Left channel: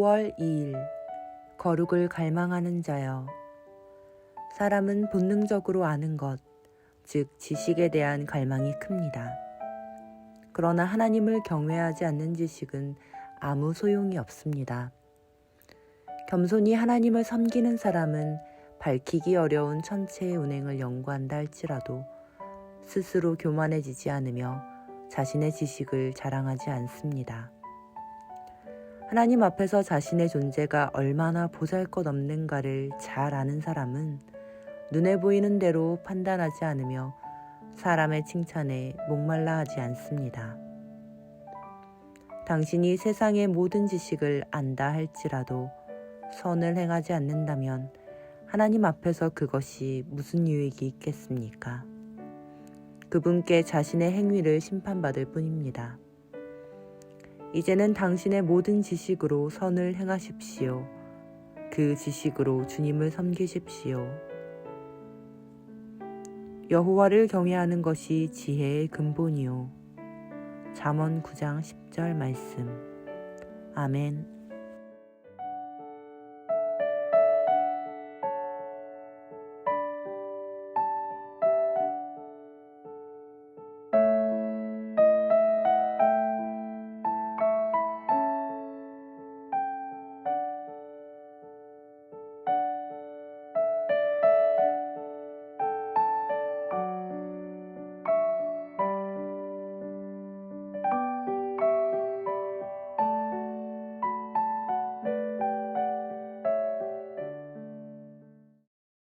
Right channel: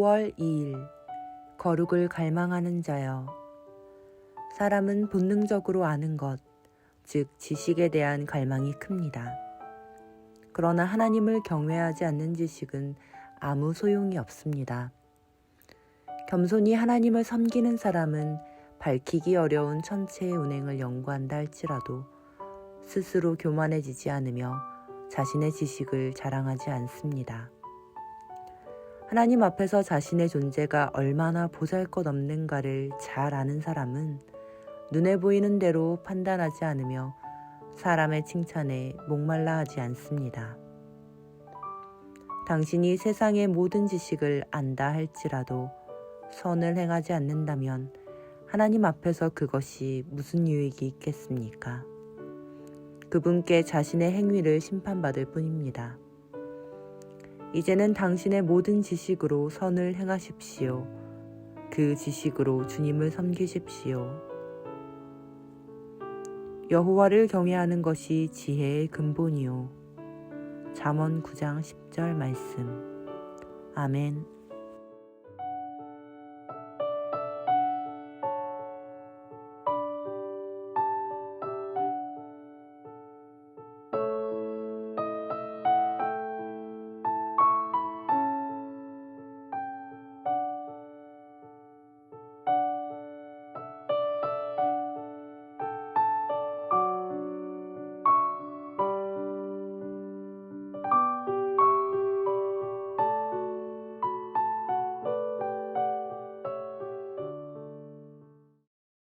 5월 2일 거룩을 갈망하는 자여 사람은 본능적으로 아는 것, 즉 지식에 대한 갈망이 큽니다. 그러나 하나님을 경외하지 않는 지식은 아무 소용이 없습니다. 겸손히 하나님을 섬기는 사람은 밝히기 어려운 천체의 운행을 연구한다 할지라도 스스로 교만해지지 않으며 자신의 지식을 자랑하지 않습니다. 하나님 앞에서 자신의 존재가 얼마나 보잘 것 없는가를 잘 아는 사람은 눈에 보이는 대로 판단하지 않으며 사람의 칭찬에 목말라 하지 않습니다. 당신이 세상의 모든 지식을 안다 할지라도 선을 행하지 않는다면 하나님 앞에서 그것이 무슨 유익이 있겠습니까? 그분께 자신의 행위를 심판받을 뿐입니다. 이제는 당신의 모든 지식으로 선을 행하십시오. 그 지식으로 주님을 섬기십시오. 여호와를 경외하는 것이 지혜의 근본이요. 잠언 9장 10절 말씀. 아멘.